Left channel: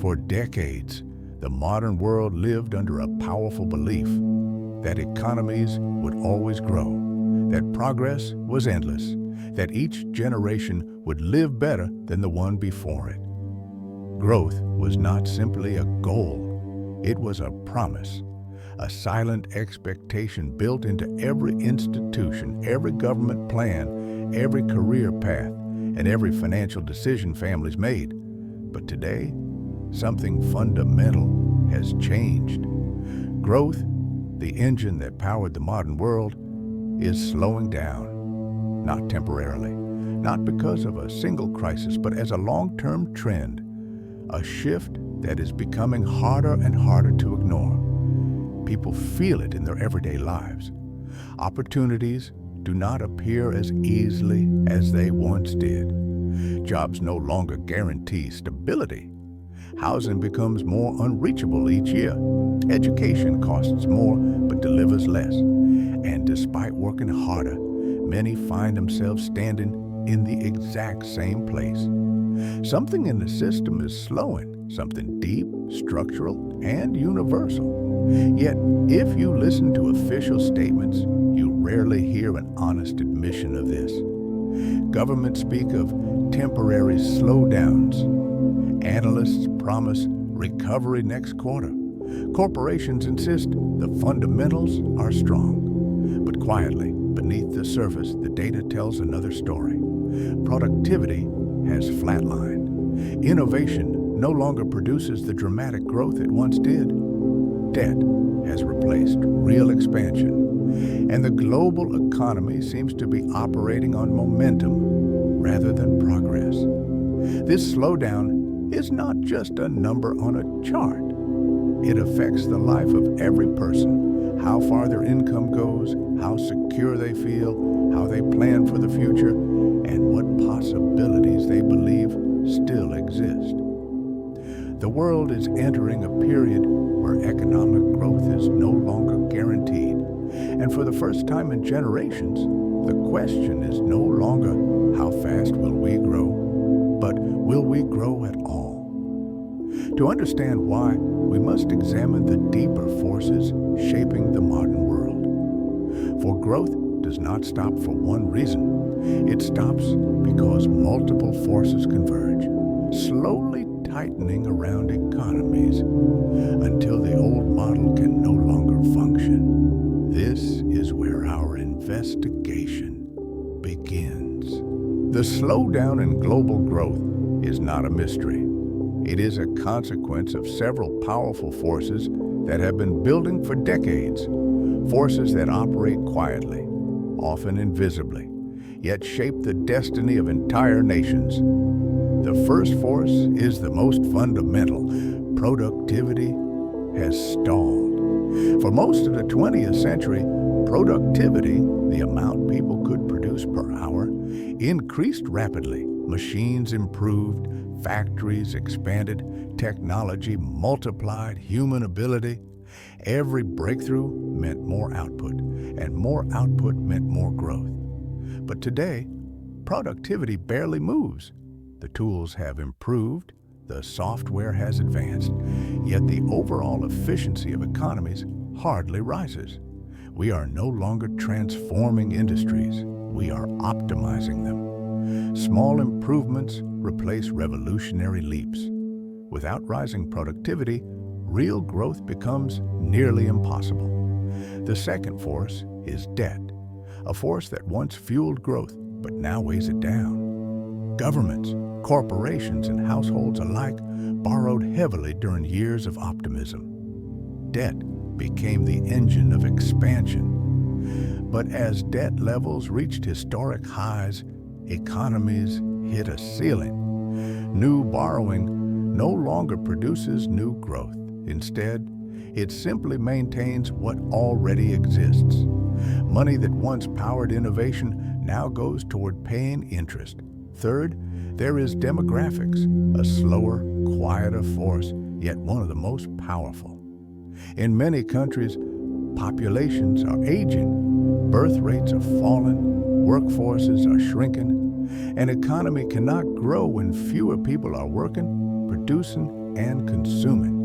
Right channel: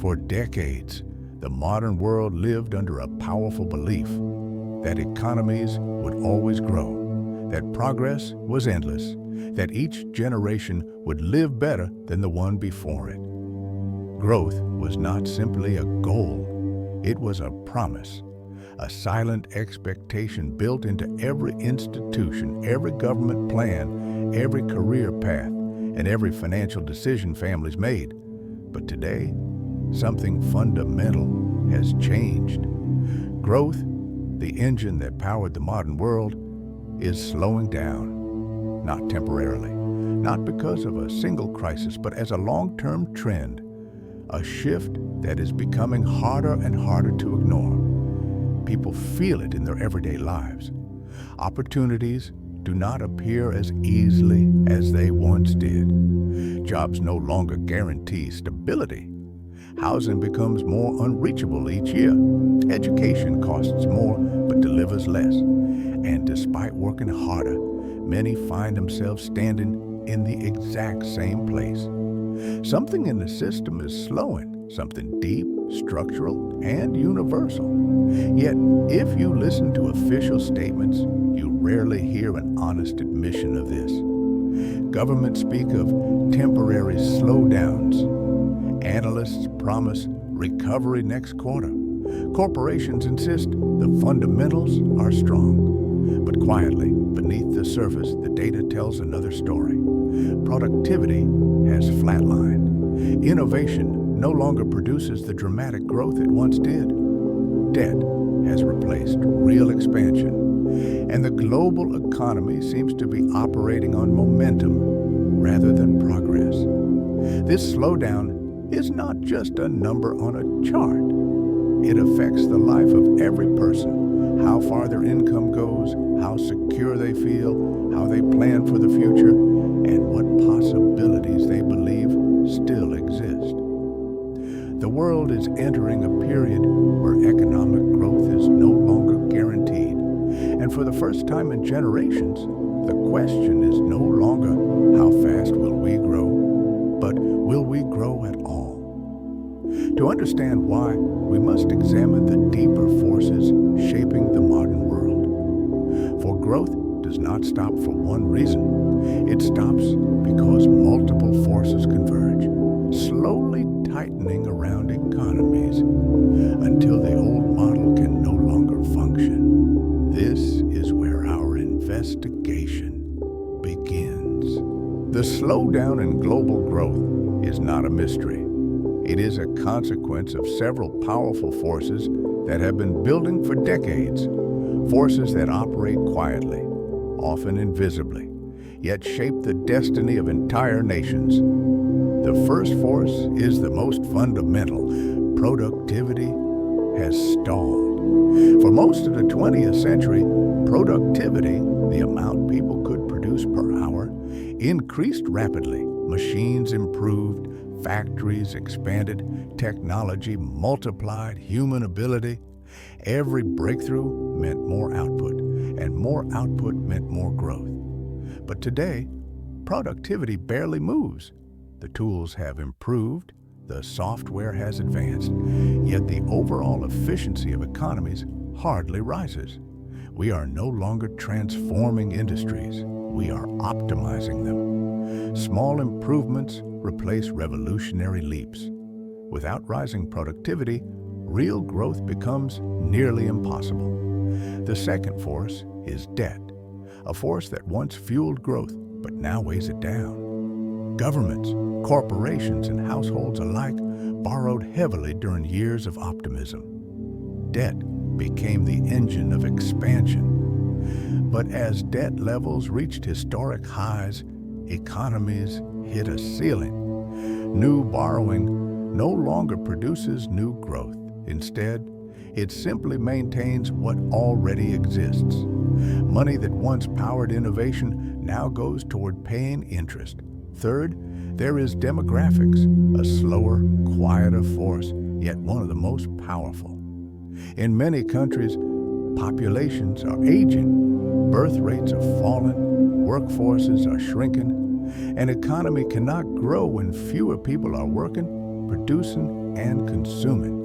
For decades, the modern world lived under a powerful belief that economies would always grow, that progress was endless, that each generation would live better than the one before it. Growth was not simply a goal, it was a promise, a silent expectation built into every institution, every government plan, every career path, and every financial decision families made. But today, something fundamental has changed. Growth, the engine that powered the modern world, is slowing down, not temporarily, not because of a single crisis, but as a long-term trend, a shift that is becoming harder and harder to ignore. People feel it in their everyday lives. Opportunities do not appear as easily as they once did. Jobs no longer guarantee stability. Housing becomes more unreachable each year. Education costs more but delivers less. And despite working harder, many find themselves standing in the exact same place. Something in the system is slowing, something deep, structural, and universal. Yet, if you listen to official statements, you rarely hear an honest admission of this. Governments speak of temporary slowdowns. Analysts promise recovery next quarter. Corporations insist the fundamentals are strong. But quietly, beneath the surface, the data tells another story. Productivity has flatlined. Innovation no longer produces the dramatic growth it once did. Debt has replaced real expansion. And the global economy seems to be operating on momentum rather than progress. This slowdown is not just a number on a chart. It affects the life of every person, how far their income goes, how secure they feel, how they plan for the future, and what possibilities they believe still exist. The world is entering a period where economic growth is no longer guaranteed. And for the first time in generations, the question is no longer how fast will we grow, but will we grow at all? To understand why, we must examine the deeper forces shaping the modern world. For growth does not stop for one reason. It stops because multiple forces converge, slowly tightening around economies until the old model can no longer function. This is where our investigation begins. The slowdown in global growth is not a mystery. It is a consequence of several powerful forces that have been building for decades, forces that operate quietly, often invisibly, yet shape the destiny of entire nations. The first force is the most fundamental. Productivity has stalled. For most of the 20th century, productivity, the amount people could produce per hour, increased rapidly. Machines improved, factories expanded, technology multiplied, human ability. Every breakthrough meant more output, and more output meant more growth. But today, productivity barely moves. The tools have improved, the software has advanced, yet the overall efficiency of economies hardly rises. We are no longer transforming industries, we are optimizing them. Small improvements replace revolutionary leaps. Without rising productivity, real growth becomes nearly impossible. The second force is debt, a force that once fueled growth but now weighs it down. Governments, corporations, and households alike borrowed heavily during years of optimism. Debt became the engine of expansion. But as debt levels reached historic highs, economies hit a ceiling. New borrowing no longer produces new growth. Instead, it simply maintains what already exists. Money that once powered innovation now goes toward paying interest. Third, there is demographics, a slower, quieter force, yet one of the most powerful. In many countries, populations are aging, birth rates are falling, workforces are shrinking. An economy cannot grow when fewer people are working, producing, and consuming.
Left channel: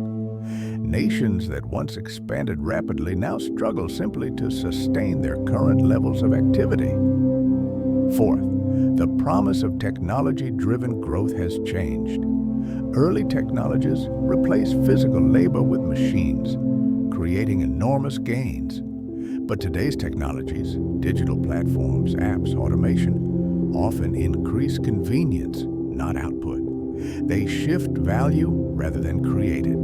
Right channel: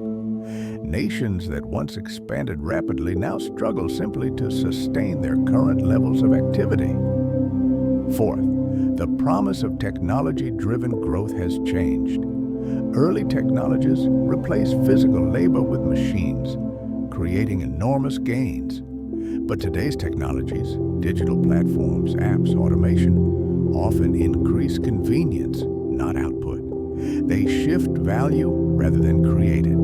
Nations that once expanded rapidly now struggle simply to sustain their current levels of activity. Fourth, the promise of technology-driven growth has changed. Early technologies replaced physical labor with machines, creating enormous gains. But today's technologies, digital platforms, apps, automation, often increase convenience, not output. They shift value rather than create it.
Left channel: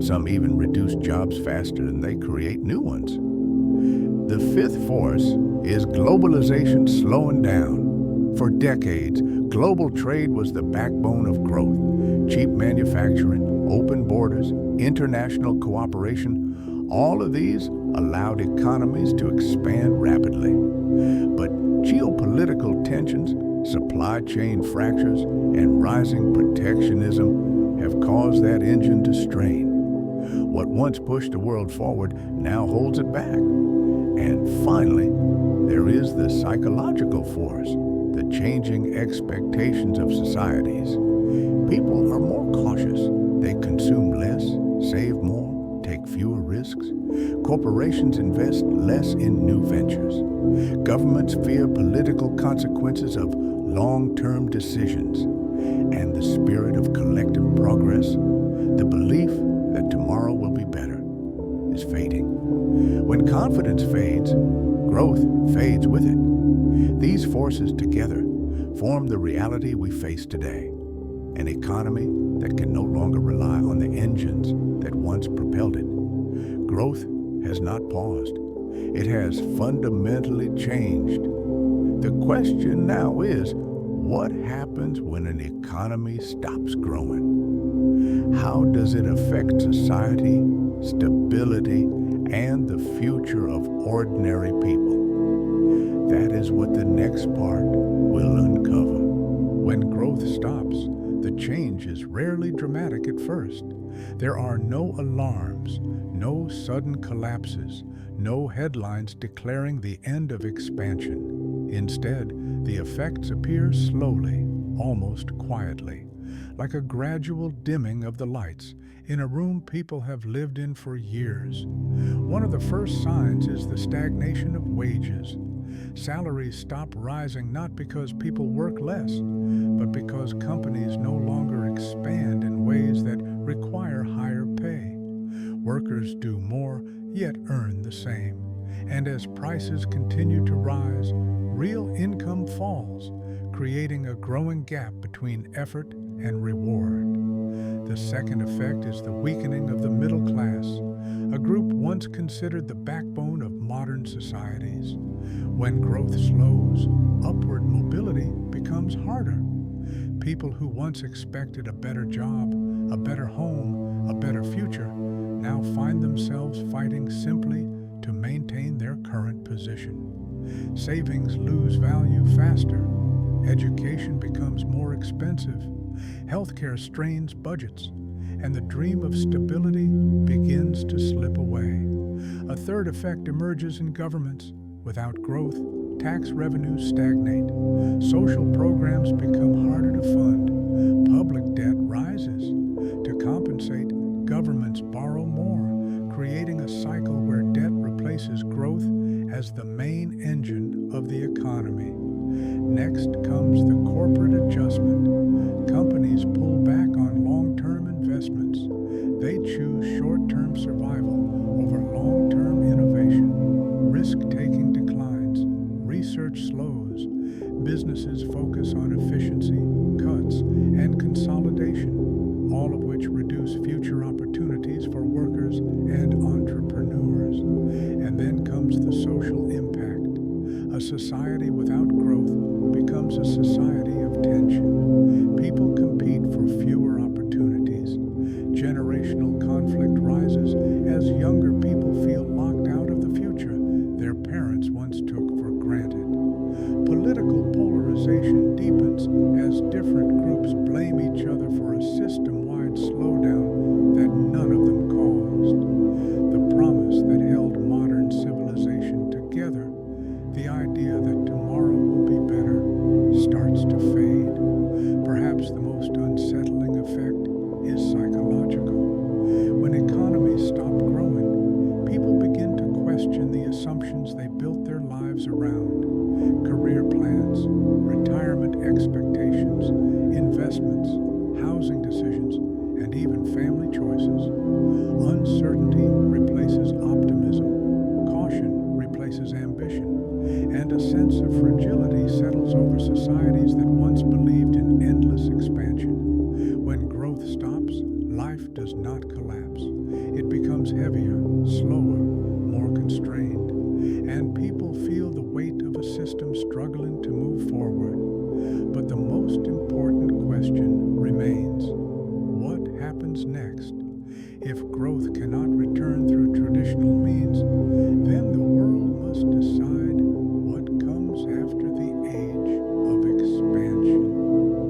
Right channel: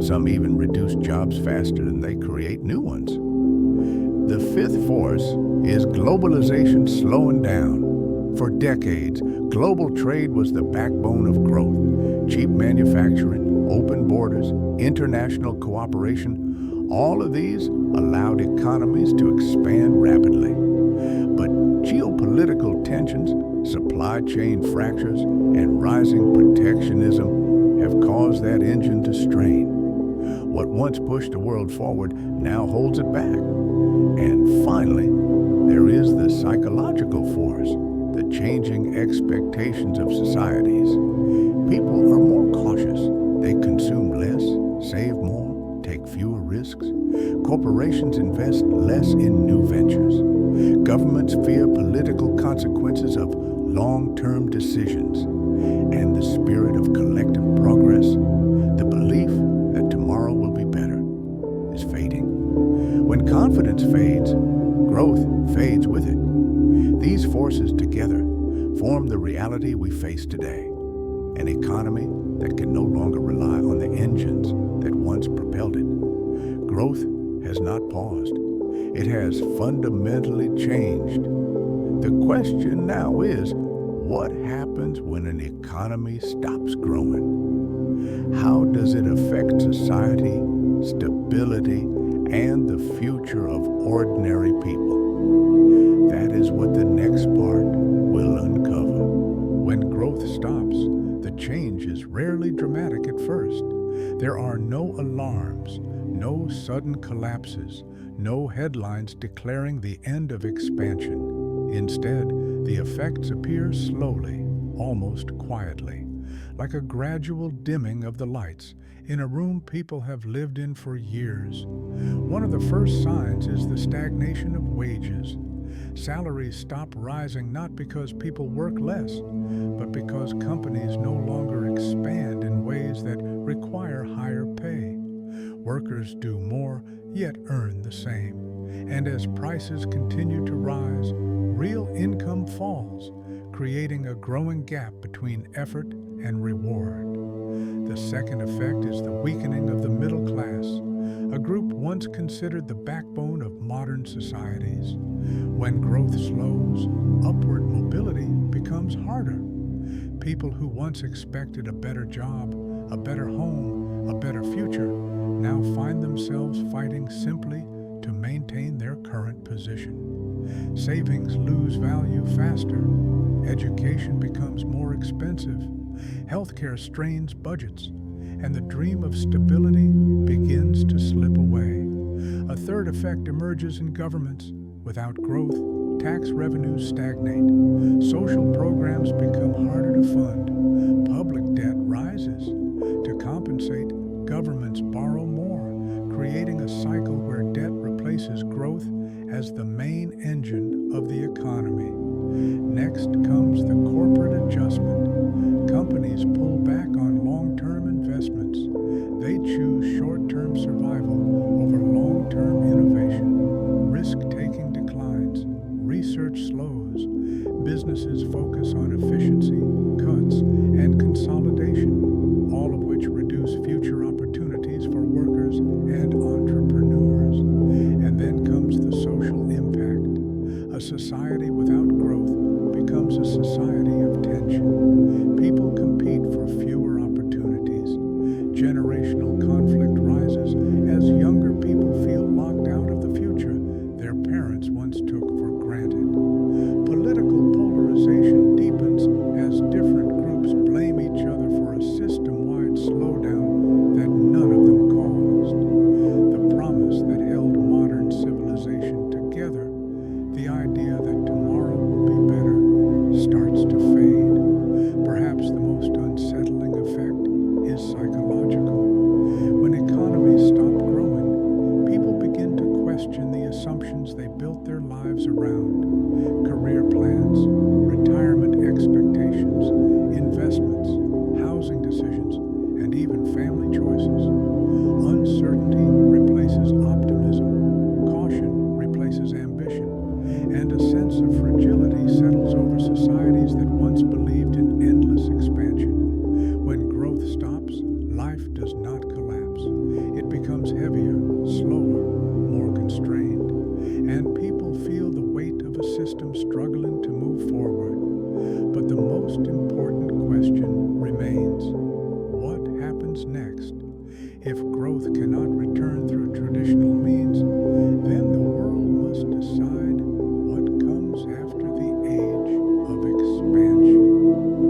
Some even reduce jobs faster than they create new ones. The fifth force is globalization slowing down. For decades, global trade was the backbone of growth. Cheap manufacturing, open borders, international cooperation, all of these allowed economies to expand rapidly. But geopolitical tensions, supply chain fractures, and rising protectionism have caused that engine to strain. What once pushed the world forward now holds it back. And finally, there is the psychological force, the changing expectations of societies. People are more cautious. They consume less, save more, take fewer risks. Corporations invest less in new ventures. Governments fear political consequences of long-term decisions. And the spirit of collective progress, the belief that tomorrow will be better, is fading. When confidence fades, growth fades with it. These forces together form the reality we face today, an economy that can no longer rely on the engines that once propelled it. Growth has not paused. It has fundamentally changed. The question now is, what happens when an economy stops growing? How does it affect society, stability, and the future of ordinary people? That is what the next part will uncover. When growth stops, the change is rarely dramatic at first. There are no alarms, no sudden collapses, no headlines declaring the end of expansion. Instead, the effects appear slowly, almost quietly, like a gradual dimming of the lights in a room people have lived in for years. One of the first signs is the stagnation of wages. Salaries stop rising not because people work less, but because companies no longer expand in ways that require higher pay. Workers do more, yet earn the same. And as prices continue to rise, real income falls, creating a growing gap between effort and reward. The second effect is the weakening of the middle class, a group once considered the backbone of modern societies. When growth slows, upward mobility becomes harder. People who once expected a better job, a better home, a better future, now find themselves fighting simply to maintain their current position. Savings lose value faster. Education becomes more expensive. Healthcare strains budgets, and the dream of stability begins to slip away. A third effect emerges in governments. Without growth, tax revenues stagnate. Social programs become harder to fund. Public debt rises. To compensate, governments borrow more, creating a cycle where debt replaces growth as the main engine of the economy. Next comes the corporate adjustment. Companies pull back on long-term investments. They choose short-term survival over long-term innovation. Risk-taking declines. Research slows. Businesses focus on efficiency, cuts, and consolidation, all of which reduce future opportunities for workers and entrepreneurs. And then comes the social impact. A society without growth becomes a society of tension. People compete for fewer opportunities. Generational conflict rises as younger people feel locked out of the future their parents once took for granted. Political polarization deepens as different groups blame each other for a system-wide slowdown that none of them caused. The promise that held modern civilization together, the idea that tomorrow will be better, starts to fade. Perhaps the most unsettling effect is psychological.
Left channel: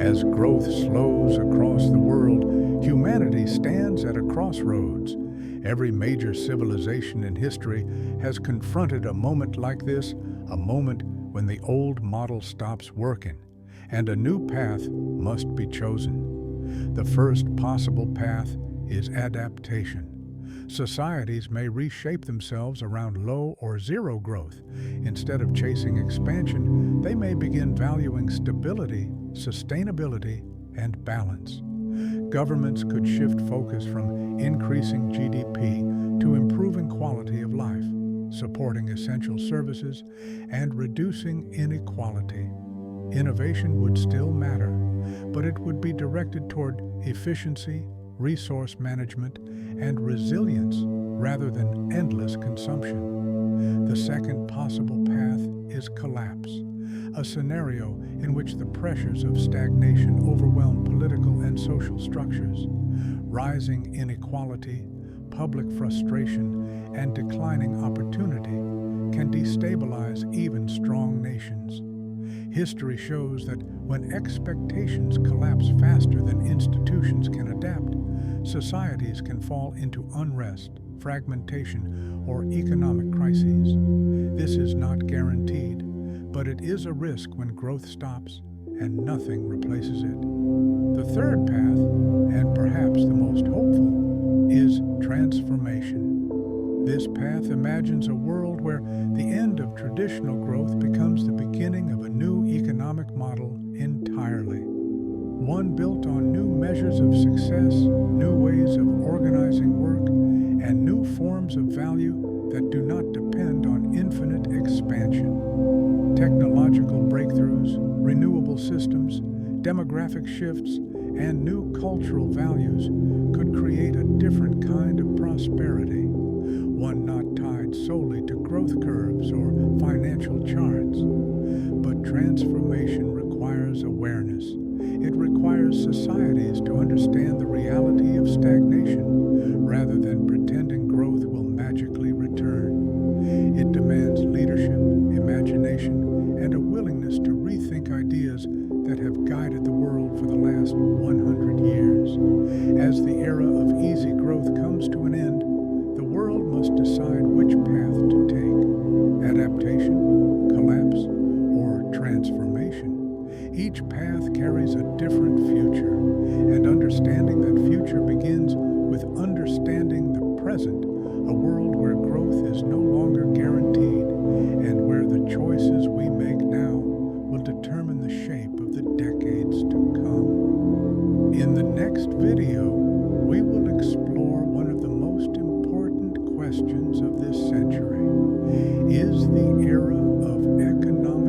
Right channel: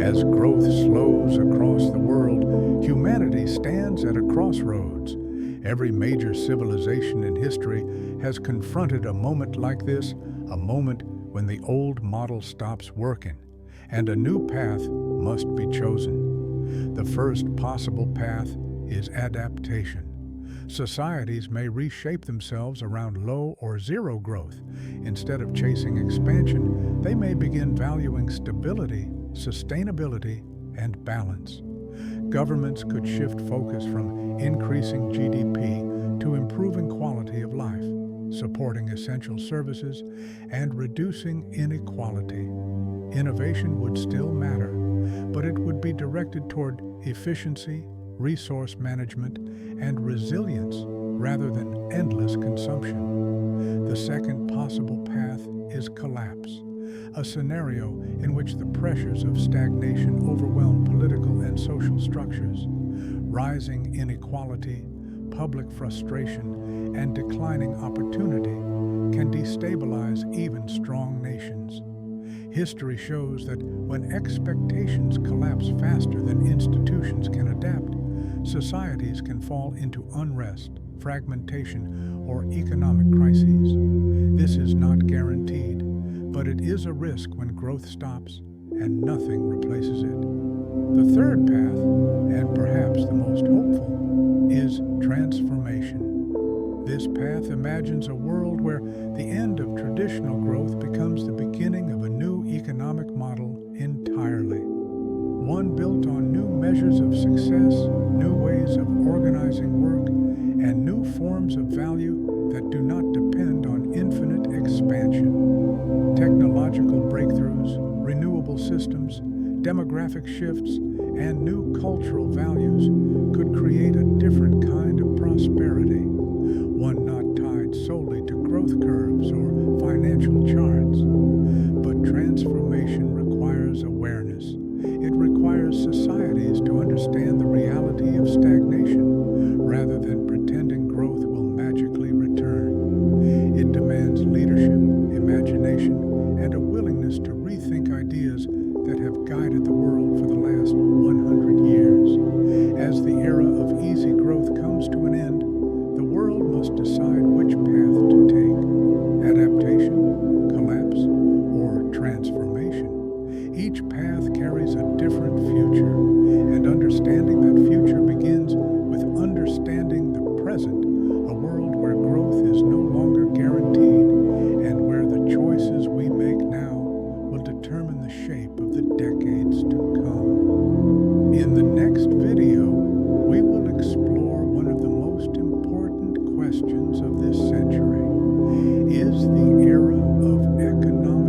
As growth slows across the world, humanity stands at a crossroads. Every major civilization in history has confronted a moment like this, a moment when the old model stops working, and a new path must be chosen. The first possible path is adaptation. Societies may reshape themselves around low or zero growth. Instead of chasing expansion, they may begin valuing stability, sustainability, and balance. Governments could shift focus from increasing GDP to improving quality of life, supporting essential services, and reducing inequality. Innovation would still matter, but it would be directed toward efficiency, resource management, and resilience rather than endless consumption. The second possible path is collapse, a scenario in which the pressures of stagnation overwhelm political and social structures. Rising inequality, public frustration, and declining opportunity can destabilize even strong nations. History shows that when expectations collapse faster than institutions can adapt, societies can fall into unrest, fragmentation, or economic crises. This is not guaranteed, but it is a risk when growth stops and nothing replaces it. The third path, and perhaps the most hopeful, is transformation. This path imagines a world where the end of traditional growth becomes the beginning of a new economic model entirely. One built on new measures of success, new ways of organizing work, and new forms of value that do not depend on infinite expansion. Technological breakthroughs, renewable systems, demographic shifts, and new cultural values could create a different kind of prosperity, one not tied solely to growth curves or financial charts. But transformation requires awareness. It requires societies to understand the reality of stagnation rather than pretending growth will magically return. It demands leadership, imagination, and a willingness to rethink ideas that have guided the world for the last 100 years. As the era of easy growth comes to an end, the world must decide which path to take: adaptation, collapse, or transformation. Each path carries a different future, and understanding that future begins with understanding the present, a world where growth is no longer guaranteed and where the choices we make now will determine the shape of the decades to come. In the next video, we will explore one of the most important questions of this century. Is the era of economic